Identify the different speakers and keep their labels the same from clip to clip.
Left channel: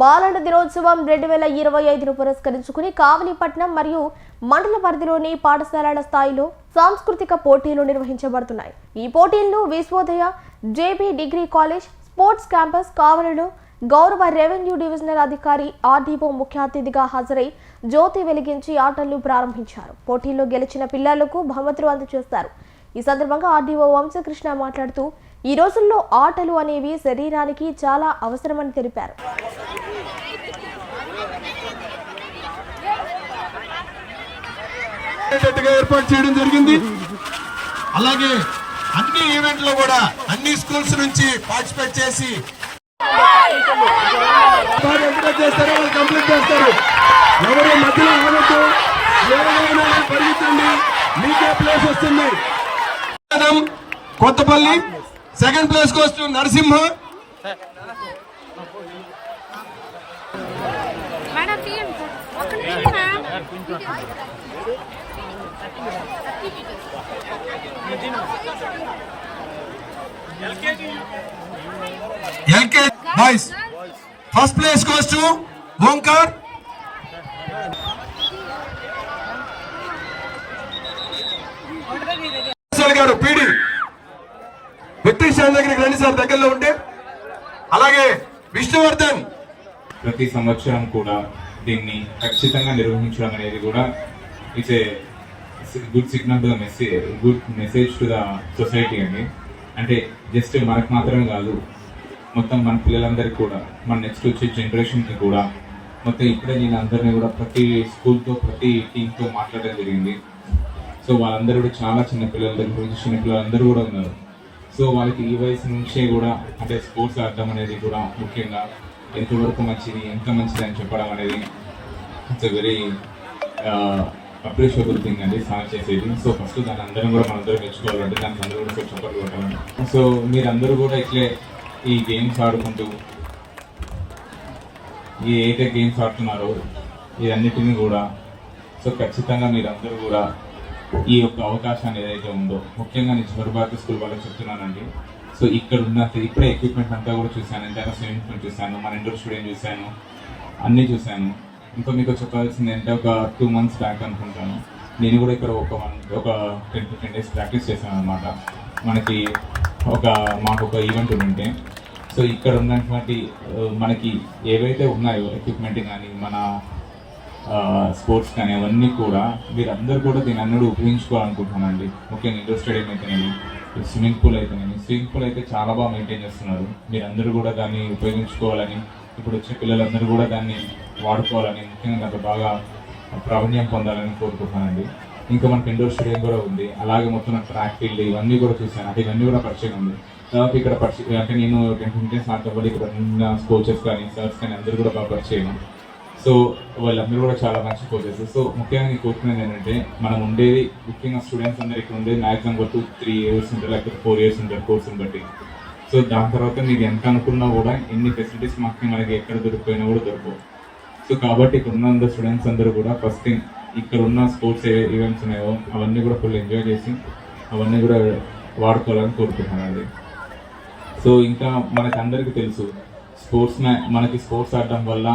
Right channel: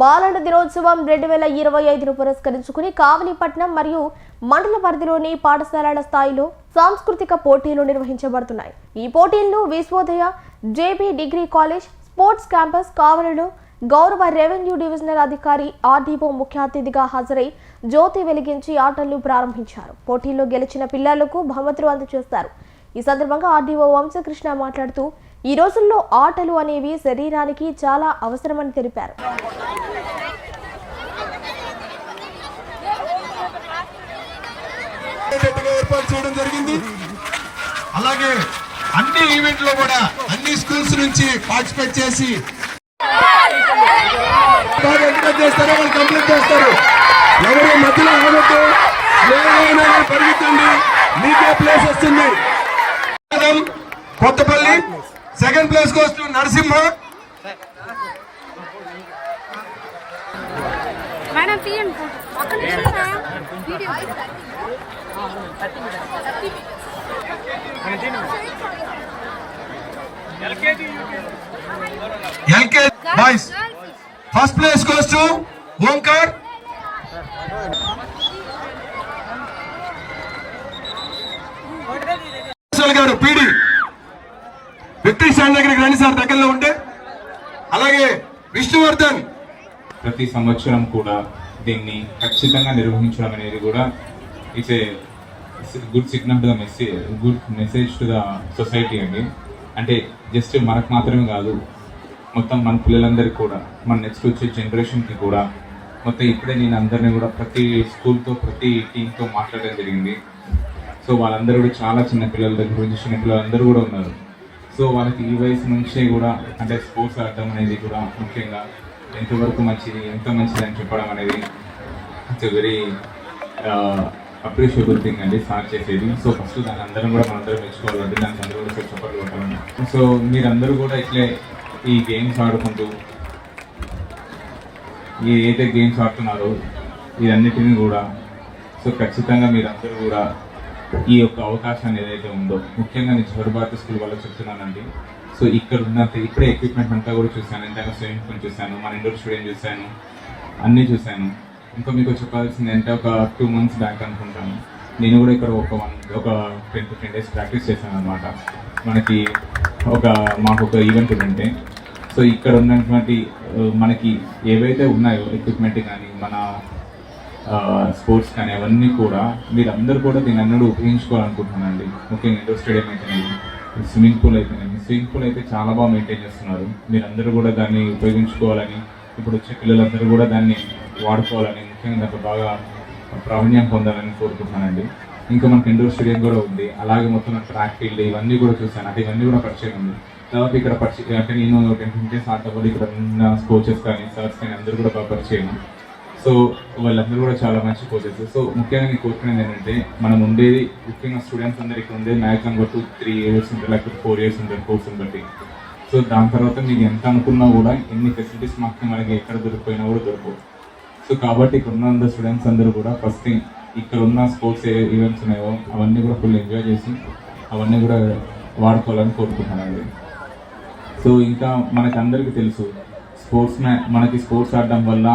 Speaker 1: బాలల దినోత్సవం రెండు వేల ఇరవై ఐదును పురస్కరించుకుని కావలిపట్నం మరియు మండల పరిధిలోని పాఠశాలల స్థాయిలో సాంస్కృతిక పోటీలు నిర్వహించబడుతున్నాయి. ఈ పోటీలను Vishwodaya JB degree college sports campus కావలిలో గౌరవ రెవెన్యూ డివిజనల్ అధికారి ఆర్డీఓ ముఖ్య అతిథిగా హాజరై జ్యోతి వెలిగించి ఆటలు ప్రారంభించారు. పోటీల్లో గెలిచిన పిల్లలకు బహుమతులు అందజేస్తారు. ఈ సందర్భంగా ఆర్డీఓ వంశకృష్ణ మాట్లాడుతూ ఈ రోజుల్లో ఆటలు అనేవి శరీరానికి చాలా అవసరమని తెలిపారు.
Speaker 2: ఉండేటట్టుగా ఏర్పాటు చేయడం జరిగింది. అలాగే అన్ని ఈవెంట్లో కూడా అన్ని స్కూల్స్ నుంచి పార్టిసిపేట్ చేసి చేస్తారో వాళ్ళు కంప్లీట్ చేస్తారు ఎవరి మధ్యలో ఆగొద్దు పరిగెత్తండి మీకే ప్లేస్ వస్తుంది Kothapalli second place goes to Narasimha
Speaker 3: madam. తీయండి
Speaker 2: LK boys first place goes to Omkar. Garu PD. వ్యక్తి స్టాండ్ దగ్గరికి రండి సార్ దగ్గరలో ఉంటే అలాగే విష్ణువర్ధన్.
Speaker 4: ప్రతి సంవత్సరం కూడా దీన్ని ఖచ్చితంగా నిర్వహించడం అనేది కూడా it's good signal to the message good message to the society అండి అంటే జస్ట్ మనకు మాత్రమే కాదు మొత్తం మన పిల్లలందరికీ కూడా మన నెక్స్ట్ వచ్చే జనరేషన్కి కూడా మొత్తం ఇప్పుడే నేను అందరినీ కూడా ప్రతి స్కూల్తో ప్రతి టీంతో మాట్లాడడం జరిగింది. సో వాళ్ళందరూ కూడా చాలా చిన్న పిల్లల దగ్గర నుంచి చిన్న పిల్లలందరూ కూడా ఉన్నారు. సో వాళ్ళకి ఈ వయసు నుంచే కూడా అంటే స్పోర్ట్స్ ఆడటం అనేది కూడా ముఖ్యంగా ఎంతవరకు మంచిది ఎంత మంచిది అని చెప్పడం అనేది ఇట్స్ వెరీ అప్రిషియబుల్ థింగ్ అండి స్టార్ట్ చేసేది. సో ఫస్ట్ దాని అందరం కూడా మనందరం మెచ్చుకోవాలంటే దానికి అందరూ కూడా కొంచెం చప్పట్లు కొట్టాలని సో మీరందరూ కూడా ఇట్లే ఈ గేమ్స్ ఆడుకుంటూ ఈ ఏదైతే గేమ్స్ ఆడుతున్నారో ఇదన్నిటిని కూడా సో ఖచ్చితంగా మీరందరూ కూడా ఈ యొక్క అవకాశాన్ని ఏదైతే ఉందో ముఖ్యంగా నేను చివరి స్కూల్ వాళ్ళకి చెప్తున్నానండి. సో ఇక్కడ ఉన్న ఇప్పుడే ఎక్విప్మెంట్ అంతా కూడా చూశాను. ఇంతగా స్విమ్మింగ్ పూల్ చూశాను మన ఇండోర్ స్టూడియం చూశాను అన్నీ చూశాను. ఇంకా మీకు చెప్పాల్సింది అంటే ఒక టూ మంత్స్ బ్యాక్ అనుకుంటాను. నేను కూడా ఇక్కడ ఒక వన్ ఒక ten to ten days practice చేశాను అనమాట మనకి ఒక మాకు ఒక ఈవెంట్ ఉంటే సో ఇక్కడ ఉన్నటువంటి మనకి ఏవైతే ఉన్నాయో ఎక్విప్మెంట్ కానీ మన స్పోర్ట్స్ కానీ అవన్నీ కూడా మీరందరూ కూడా దీని అన్నీ ఉపయోగించుకోవాలనుకుంటున్నానండి. ముఖ్యంగా ఇండోర్ స్టేడియం అయితేనేమి స్విమ్మింగ్ పూల్ అయితేనేమి స్విమ్మింగ్ పూల్ అయితే చాలా బాగా మెయింటైన్ చేస్తున్నారు. మీరందరూ కూడా దాన్ని ఉపయోగించుకోవాలని ఇప్పుడు వచ్చే పిల్లలందరూ కూడా దాన్ని వాడుకోవాలని ముఖ్యంగా దాంట్లో బాగా ప్రావీణ్యం పొందాలని కోరుకుంటున్నానండి. ఇంకా మనకి ఇండోర్ స్టేడియం కూడా ఉంది. అలాగే మొత్తం ట్రాక్ ఫీల్డ్ ఇవన్నీ కూడా చూశాను. అంటే ఇవన్నీ కూడా పరిచయం ఉంది. తర్వాత ఇక్కడ పరిచయం అంటే నేను టెన్ డేస్ ఆడటం ఇక్కడ ఉన్న కోచెస్ కానీ సర్స్ కానీ అందరూ కూడా బాగా పరిచయం. సో వాళ్ళందరూ కూడా చాలా మంచి కోచెస్ సో ముఖ్యంగా నేను కోరుకునేది ఏంటంటే మనం ఉండేది ముఖ్యంగా స్టూడెంట్స్ అందరు ఇక్కడ ఉండేది మ్యాక్సిమం కొట్టు త్రీ ఇయర్స్ ఉంటారు లేకపోతే ఫోర్ ఇయర్స్ ఉంటారు కోర్సుని బట్టి. సో దాని తర్వాత మీరు ఎంత అనుకున్నా కూడా ఎన్ని ఫెసిలిటీస్ మాకు మనకి ఎక్కడ దొరికిపోయినా కూడా దొరకవు. సో కాబట్టి ఇక్కడ ఉన్న స్టూడెంట్స్ అందరూ కూడా ఫస్ట్ థింగ్ ఇక్కడ ఉన్న స్పోర్ట్స్ ఈవెంట్స్ ఉన్నాయో అవన్నీ కూడా ఫుల్ ఎంజాయ్ చేసి అవన్నీ కూడా వాడుకోవాలని కోరుకుంటున్నానండి. సో ఇంకా మనకి అందరికీ తెలుసు స్పోర్ట్స్ మ్యా మనకి స్పోర్ట్స్ ఆడడం వల్ల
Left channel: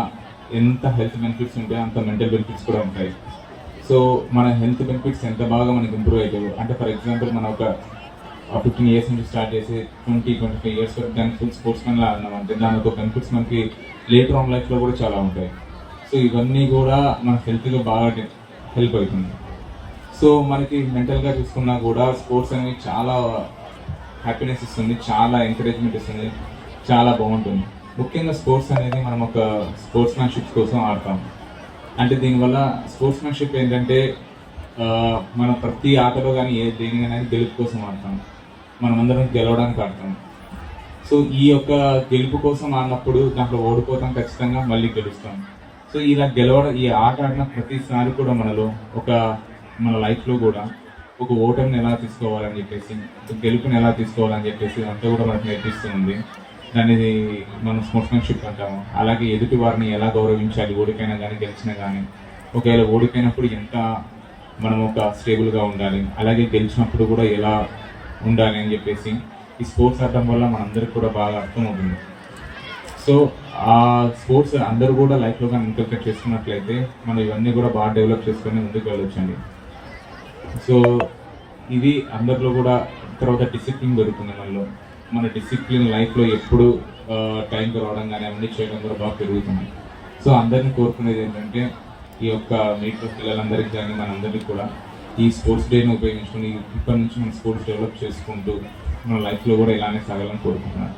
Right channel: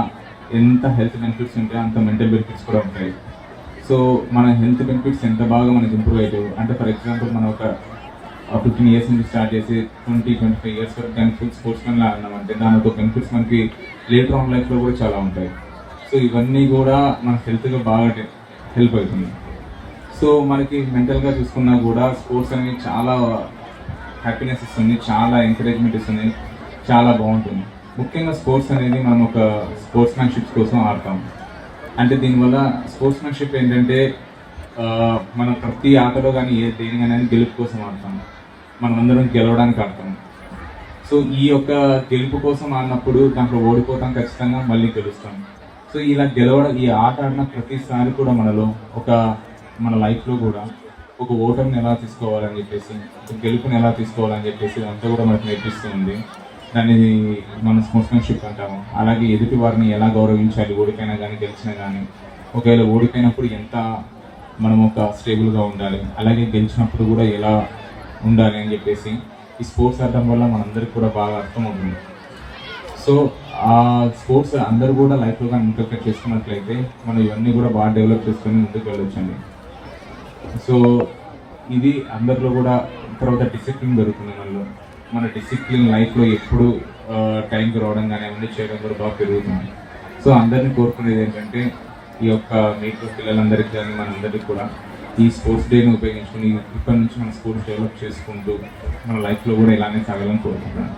Speaker 4: ఎంత హెల్త్ బెనిఫిట్స్ ఉంటాయి అంత మెంటల్ బెనిఫిట్స్ కూడా ఉంటాయి. సో మన హెల్త్ బెనిఫిట్స్ ఎంత బాగా మనకి ఇంప్రూవ్ అవుతాయో అంటే ఫర్ ఎగ్జాంపుల్ మనం ఒక ఫిఫ్టీన్ ఇయర్స్ నుంచి స్టార్ట్ చేసి ట్వంటీ ట్వంటీ ఫైవ్ ఇయర్స్ వరకు దాని ఫుల్ స్పోర్ట్స్ మ్యాన్ ఆడినాం అంటే దాని ఒక బెనిఫిట్స్ మనకి లేటర్ ఆన్ లైఫ్లో కూడా చాలా ఉంటాయి. సో ఇవన్నీ కూడా మన హెల్త్గా బాగా హెల్ప్ అవుతుంది. సో మనకి మెంటల్గా చూసుకున్నా కూడా స్పోర్ట్స్ అనేది చాలా హ్యాపీనెస్ ఇస్తుంది చాలా ఎంకరేజ్మెంట్ ఇస్తుంది చాలా బాగుంటుంది. ముఖ్యంగా స్పోర్ట్స్ అనేది మనం ఒక స్పోర్ట్స్ మ్యాన్షిప్ కోసం ఆడతాం. అంటే దీనివల్ల స్పోర్ట్స్ మ్యాన్షిప్ ఏంటంటే మనం ప్రతి ఆటలో కానీ ఏ దేనికైనా గెలుపు కోసం ఆడతాం. మనం అందరం గెలవడానికి ఆడతాం. సో ఈ యొక్క గెలుపు కోసం ఆడినప్పుడు దాంట్లో ఓడిపోతాం ఖచ్చితంగా మళ్ళీ గెలుస్తాం. సో ఇలా గెలవడం ఈ ఆట ఆడిన ప్రతిసారి కూడా మనలో ఒక మన లైఫ్లో కూడా ఒక ఓటమిని ఎలా తీసుకోవాలని చెప్పేసి ఒక గెలుపుని ఎలా తీసుకోవాలని చెప్పేసి అంతా కూడా మనకు నేర్పిస్తుంది. దాన్ని మనం స్పోర్ట్స్మెన్షిప్ అంటాము. అలాగే ఎదుటి వారిని ఎలా గౌరవించాలి ఓడిపోయినా కానీ గెలిచినా కానీ ఒకవేళ ఓడిపోయినప్పుడు ఎంత మనం ఒక స్టేబుల్గా ఉండాలి అలాగే గెలిచినప్పుడు కూడా ఎలా ఉండాలి అని చెప్పేసి ఈ స్పోర్ట్స్ ఆడటం వల్ల మనందరికి కూడా బాగా అర్థమవుతుంది. సో ఆ స్పోర్ట్స్ అందరూ కూడా లైఫ్లో కానీ ఇంటర్ప్రెట్ చేసుకున్నట్లయితే మనం ఇవన్నీ కూడా బాగా డెవలప్ చేసుకొని ముందుకు వెళ్ళొచ్చండి. సో ఇది అందరిలో కూడా తర్వాత డిసిప్లిన్ దొరుకుతుంది మనలో. మన డిసిప్లిన్ లైఫ్లో ఎప్పుడు టైంకి రావడం కానీ అవన్నీ చేయడం కూడా బాగా పెరుగుతుంది. సో అందరినీ కోరుకునేది ఏంటంటే ఈ యొక్క మీట్లో పిల్లలందరికీ కానీ మనందరికీ కూడా ఈ స్పోర్ట్స్ డేని ఉపయోగించుకొని ఇప్పటి నుంచి మన స్పోర్ట్స్ డెవలప్ చేసుకుంటూ మన లైఫ్లో కూడా ఇలానే సాగాలని కోరుకుంటున్నాను.